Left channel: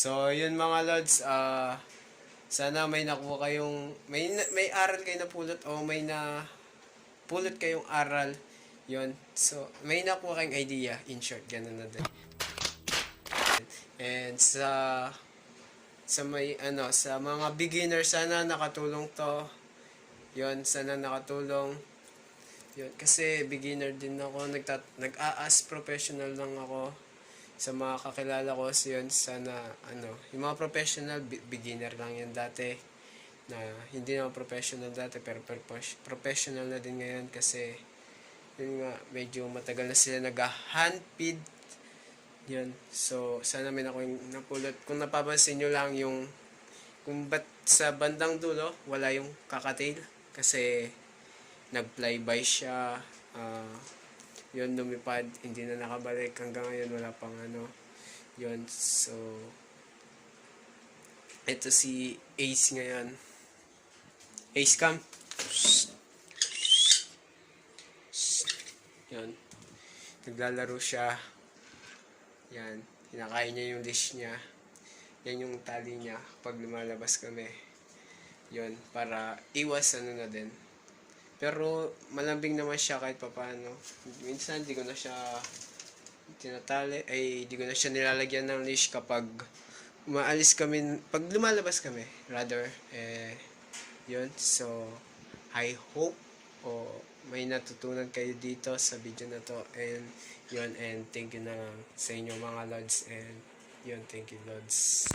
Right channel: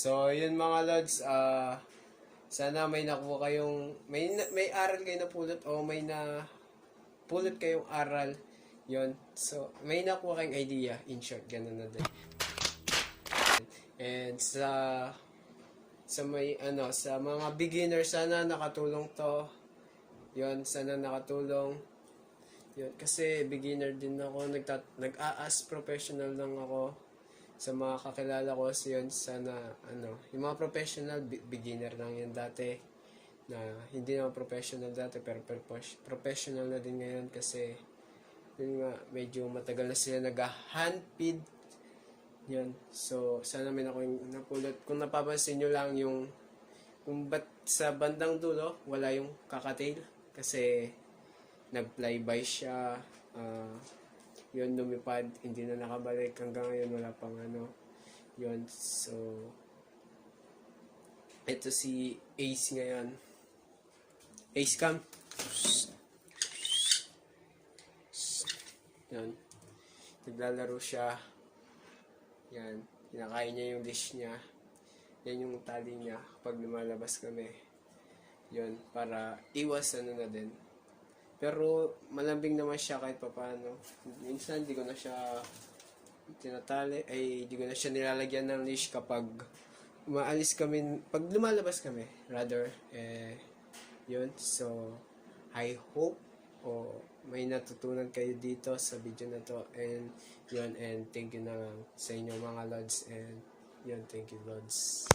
So, yun mga lods, sana may nakuha kayong, may aral kayo na pulot o may na pulot kayong aral. Yun. So, may nakuha kayong idea, in short, ganun na din. And sa may sa mga beginner, sana nakatulong to. Yun, sana nakatulong. Yun, kasi beginner din ako, nag-a-as professional lang ako sa mga kakilala ko. So yun, sana yung mga professional, beginner lang yan dati, na hindi na professional dati pero professional na din ngayon kasi yun nga, medyo matagal na sila nag-handpid. Yan. So, sana may napulot. Kung napapansin nyo lang yung kung ba't sa bandang dulo wala yung Cockateil, kasi nag-flyby siya. Yun, lumipad, hindi na nakabalik hanggang ngayon, wala pang yun. So, ito si Ace ngayon. Ace cam. Yun, naglalaro siya. Yan, kinakain niya yung dish niya. Yan yung tali niya pag lumalabas kami. Yun, para iwas na din. Pero malambing naman siya kahit papaano. Minsan di ko na siya tinatali, di ko na siya nilalagyan ng leash kapag umaalis kami, pag lumalabas kami, rather. Yun, so I hope may natutunan kayo dito sa video na to, and yun, and thank you na lang sa inyo mga lods, and yun, thank you lods.